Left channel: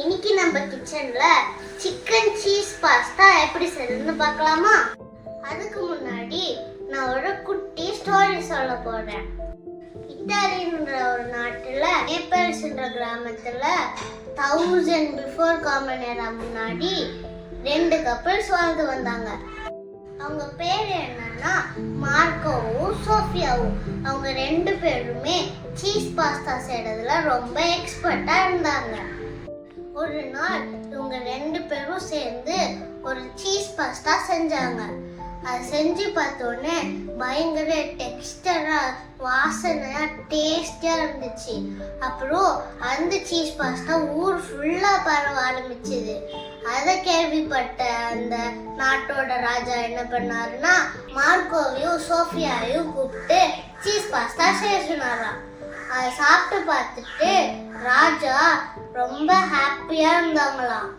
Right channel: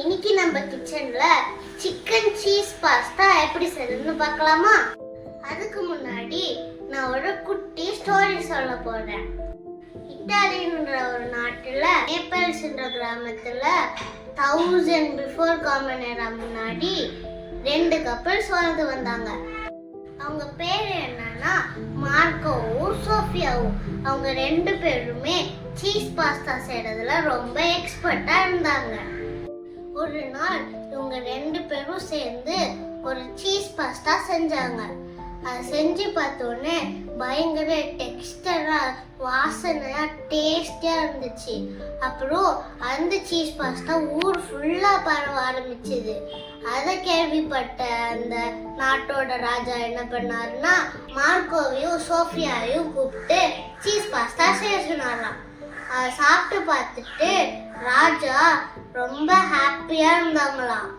இன்னைக்கு நம்ம கிச்சன்ல சிக்கன் சீஸ் பாஸ்தா எப்படி செய்யறதுன்னு பார்க்கலாமா? அதுக்கு முன்னாடி நான் ஒரு குட்டி ஸ்டோரி சொல்ல போறேன். இத்தாலின்ற ஒரு நாட்டுல நேபிள்ஸ்ன்ற கிராமத்துல 1000 பிஃபோர் காமன் எரா முன்னாடி 2 கப்பிள்ஸ் வாழ்ந்து வந்தாங்க. அவங்க பேர் என்னன்னா மார்க்கோவும் சோஃபியாவும். அவங்க 2 பேருமே சீஸ் பாஸ்தா செய்யறதுல ரொம்ப எக்ஸ்பர்ட்டா இருந்தாங்க. ஒரு நாள் இவங்க 2 பேரும் சேர்ந்து ஒரு சீஸ் பாஸ்தா செஞ்சாங்க. அது செஞ்சு பார்த்தோன்னே பயங்கர டெக்ஸ்டரா வாசனையா டேஸ்டியா இருந்துச்சு. அப்புறம் அந்த சீஸ் பாஸ்தா ஊர் ஃபுல்லா பரவ ஆரம்பிச்சுது. அதை கேள்விப்பட்ட அந்த நாட்டோட ராஜா என்ன பண்ணாருன்னா மார்க்கோவையும் சோஃபியாவையும் கூப்பிட்டு சீஸ் பாஸ்தா செய்ய சொன்னாராம். அதை சாப்பிட்டு பார்த்துட்டு ராஜா ரொம்ப ஹாப்பியா இருந்தாங்களாம்.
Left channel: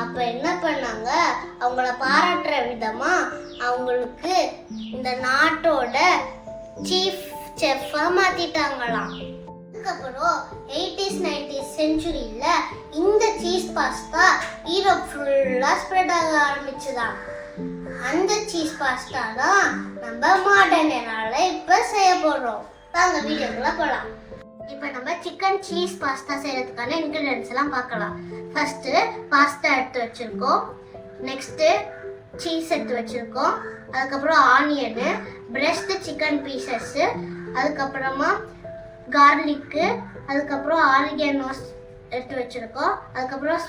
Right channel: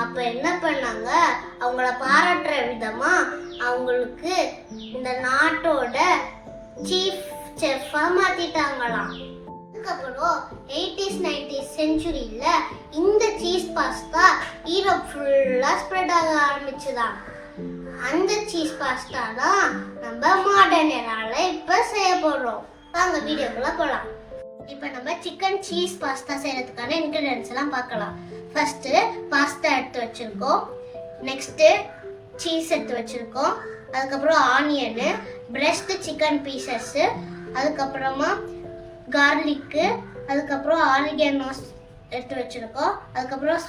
அப்ப என்ன பண்ணாங்க, அவங்கள பாராட்டுற விதமா அவங்களுக்கு இந்த நாட்டோட சீஃப் செஃப்பா மாத்திட்டாங்களாம். அதுக்கப்புறம் 80s 90s செஞ்சுரியில இந்த சீஸ் பாஸ்தா யூரோப் ஃபுல்லா ஸ்ப்ரெட் ஆக ஆரம்பிச்சுதான். அந்த சீஸ் பாஸ்தா தான் நம்ம மாடர்ன் எரால இப்ப செய்ய போறோம். வாங்க வீடியோக்குள்ள போலாம். இப்போ நம்ம சிக்கன் சீஸ் பாஸ்தா செய்யறதுக்கான இன்கிரிடியன்ட்ஸ் எல்லாம் பார்க்கலாம். ஃபர்ஸ்ட் பாஸ்தா எடுத்து வச்சிருக்கோம். நெக்ஸ்ட் சீஸ் எடுத்து வச்சிருக்கோம். அதுக்கப்புறம் ஆனியனு, பிரஸ்ட் சிக்கன் பீசஸ், அதுக்கப்புறமா கார்லிக்கு, அதுக்கப்புறம் ஆரிகேனோஸ் எடுத்து வச்சிருக்கோம். அதுக்கப்புறம்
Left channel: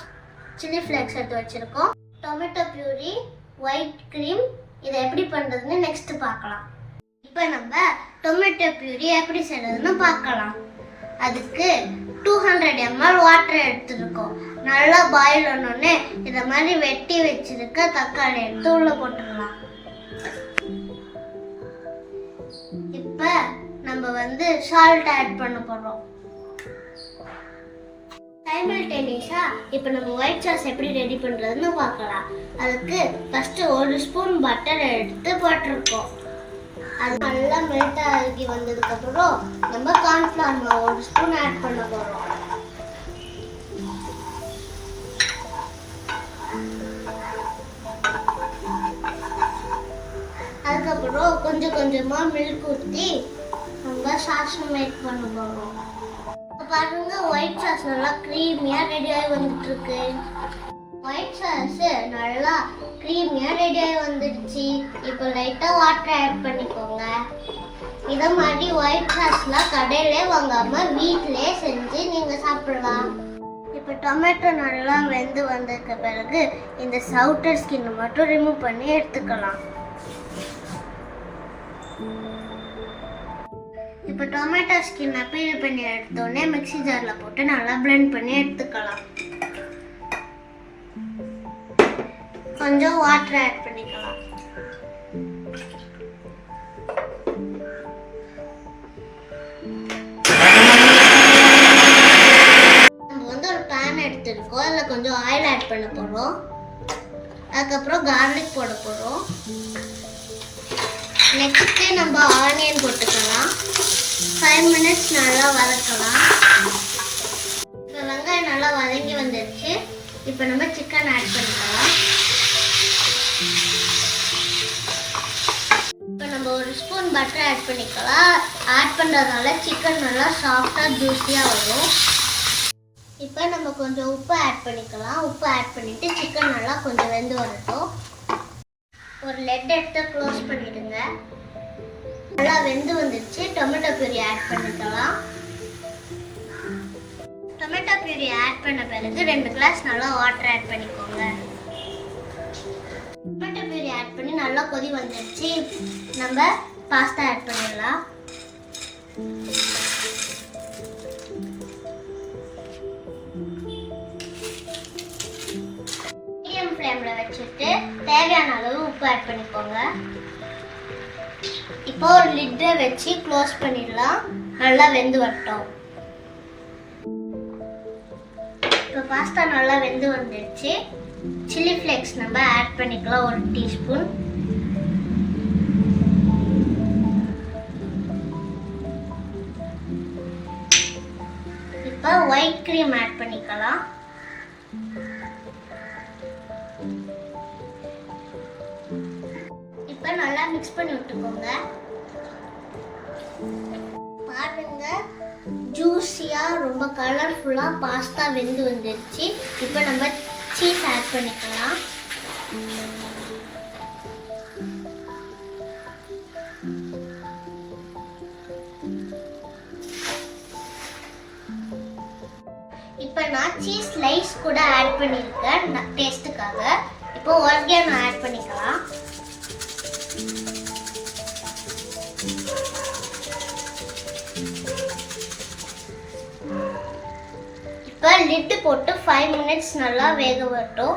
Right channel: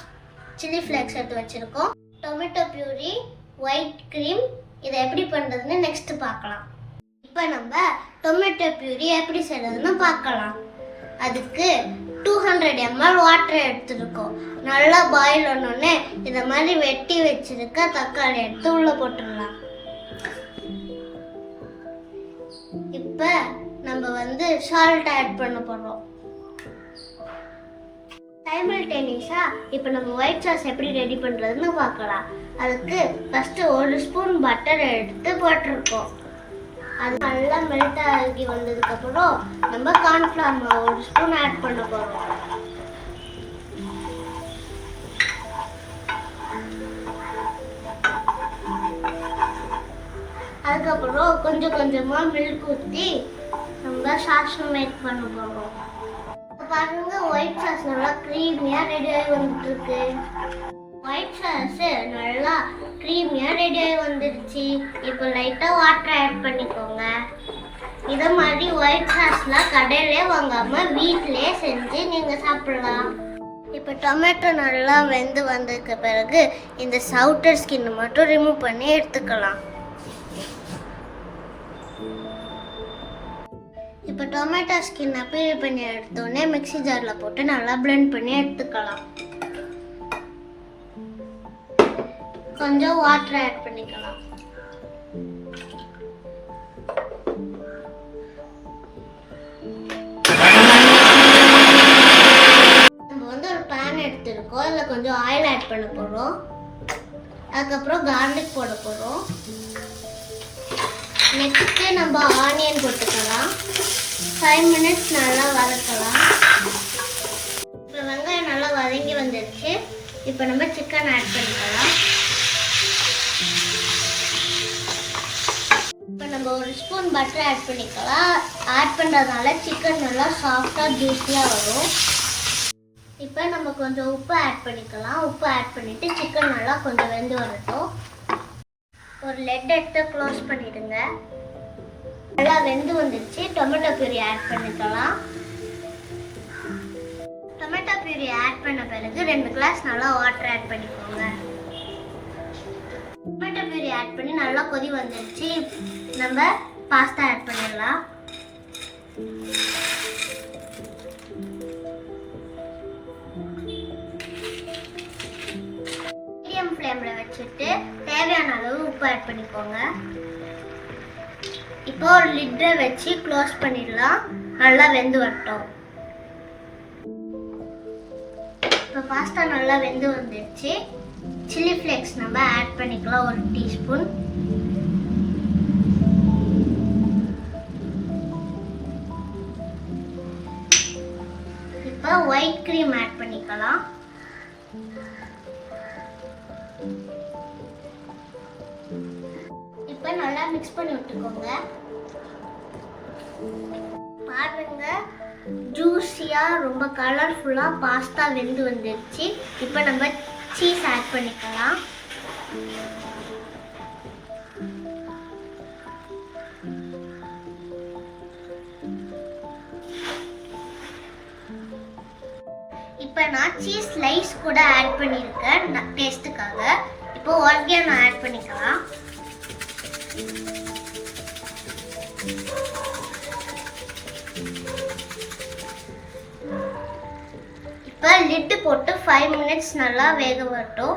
சில்லி ஃப்ளேக்ஸ் எடுத்து வச்சிருக்கோம். Tomato பியூரி, white cream. இதை எப்படி பண்ணுறதுன்னு நெக்ஸ்ட் பார்க்கலாம். இப்போ நம்ம டொமேட்டோ பியூரி எப்படி செய்யறதுன்னு பார்க்கலாம். அதுக்கு 200 ml வாட்டர் எடுத்துருக்கோம். நல்லா பாயில் பண்ணோடனே இந்த மாதிரி வெட்டி வச்சிருக்க தக்காளி எடுத்து உள்ள போட்டுடலாம். இப்ப நம்ம சால்ட் ஆட் பண்ண போறோம். சைமல்டேனியஸா இப்போ நம்ம ஒயிட் சாஸ் எப்படி ரெடி பண்றதுன்னு பார்க்கலாம். அதுக்கு ஃபர்ஸ்ட் 1 ஸ்பூன் பட்டர் எடுத்து போட்டிருக்கோம். அது நல்லா மெல்ட் ஆகி வந்ததுக்கு அப்புறம் நம்ம கார்ன்ஃப்ளவர் மாவு 1 ஸ்பூன் ஆட் பண்ண போறோம். அதுக்கப்புறம் கொஞ்சம் கொஞ்சமா மில்க் ஊற்றி நம்ம சாஸ் மேக் பண்ண போறோம். பாருங்க, ஒயிட் சாஸ் நல்லா க்ரீமியா ரெடி ஆகி வந்துட்டு இருக்கு. ஒயிட் சாஸ் நல்லா க்ரீமியா ரெடி ஆகி வந்துடுச்சு. இப்போ லைட்டா வாட்டர் ஆட் பண்ணிக்கோங்க. இதை மாதிரி ஒயிட் சாஸ்லாம் கடையிலே வாங்காம வீட்டிலே செஞ்சு நீங்க சாப்பிடலாம். இப்போ டொமேட்டோ நல்லா வெந்து வந்ததுக்கு பிறகு இந்த அவுட்டர் ஸ்கின் மட்டும் ரிமூவ் பண்ணி எடுத்துக்கலாம். இப்போ டொமேட்டோ ஸ்கின்னை பீல் பண்ணி எடுத்தோடனே மிக்ஸி ஜாரில் போட்டு நல்லா பிளெண்ட் பண்ணி எடுத்துக்கலாம். கொஞ்சம் வாட்டர் ஆட் பண்ணிக்கலாம். நம்ம ஒரு பேன் எடுத்துருக்கோம். அதில் கொஞ்சம் ஆயில் ஆட் பண்ண போகிறோம். அதுக்கப்புறம் கார்லிக் போட போகிறோம். நெக்ஸ்ட்டு நம்ம ஆனியன் போட்டுக்கலாம். 5 minutes நல்லா வதக்கலாம். இப்போ வெங்காயம் நல்லா வதங்கி வந்துடுச்சு. இப்போ நம்ம சிக்கன் ஆட் பண்ணிக்கலாம். இப்போ நம்ம 1 ஸ்பூன் பட்டர் ஆட் பண்ணிக்கலாம். ஆட் பண்ணுறதுனால சிக்கன் நல்லா சாஃப்டாக ஜூஸியாக வரும். இப்போ நம்ம கொஞ்சம் உப்பு ஆட் பண்ணிக்கலாம். உப்பு ஆட் பண்ணிவிட்டு சிக்கன் நல்லா கொஞ்சம் வெந்து வரட்டும். ஒரு லெட் எடுத்து க்ளோஸ் பண்ணிடுங்க. நல்லா வெந்து வந்துடுச்சு. டொமேட்டோ பியூரி ஆட் பண்ணிக்கலாம். டொமேட்டோ பியூரி ஆட் பண்ண பிறகு 2 கிளாஸ் நல்லா வாட்டர் ஆட் பண்ணிக்கோங்க. டொமேட்டோ பியூரி ஆட் பண்ணி நல்லா கொதி வந்துடுச்சு. நம்ம பாஸ்தா ஆட் பண்ணிடலாம். மீடியம் ஃப்ளேமில் வச்சுட்டு தேவையான அளவு உப்பு ஆட் பண்ணிக்கோங்க. இப்போ ஒரு லிட்டை வச்சு க்ளோஸ் பண்ணிடலாம். நல்லா வெந்து வரட்டும். இப்போ பாஸ்தா நல்லா வெந்து வந்துடுச்சு. சில்லி ஃப்ளேக்ஸ் நம்ம ஆட் பண்ணிக்கலாம். 1 டீஸ்பூன். இப்போ ஒயிட் க்ரீம் ஆட் பண்ணிக்கலாம். இப்போ நல்லா மிக்ஸ் பண்ணி விட்டுக்கோங்க. பாருங்க, ஜூஸியா ரொம்ப கலர்ஃபுல்லா பாஸ்தா வெந்து வந்துருச்சு. இப்போ நம்ம சீஸ் ஆட் பண்ணிக்கலாம். இப்போ நான் சீஸ் ஸ்லைஸ் கூட ஆட் பண்ணியிருக்கேன் டேஸ்ட்டுக்காக. இப்போ ஆர்கானோ ஆட் பண்ணிக்கலாம். இப்போ லிட் போட்டு 5 மினிட்ஸ் நல்லா வேக வரட்டும்.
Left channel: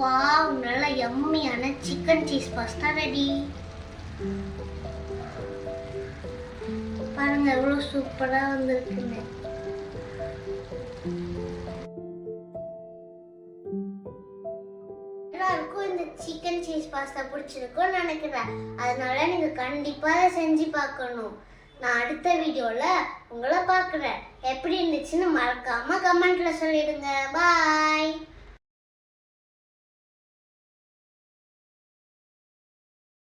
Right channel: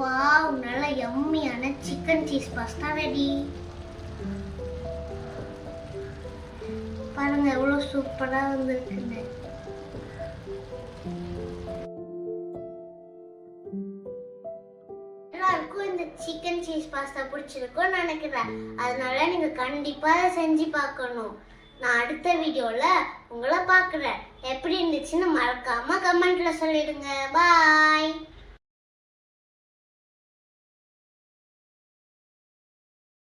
வாவ், நல்ல யம்மியான சிக்கன் சீஸ் பாஸ்தா ரெடி. பாருங்க எவ்வளவு சூப்பரா வந்திருக்குன்னு. எல்லாருக்கும் இந்த சிக்கன் சீஸ் பாஸ்தா பிடிச்சிருக்கும்னு நினைக்கிறேன். அதனால நீங்க கண்டிப்பா செஞ்சு பார்க்கணும். நான் அடுத்த வீடியோல உங்களை பார்க்குறேன். எப்படி இருந்துச்சுன்னு மறக்காம கமெண்ட்ல சொல்லிடுங்க. பாய்.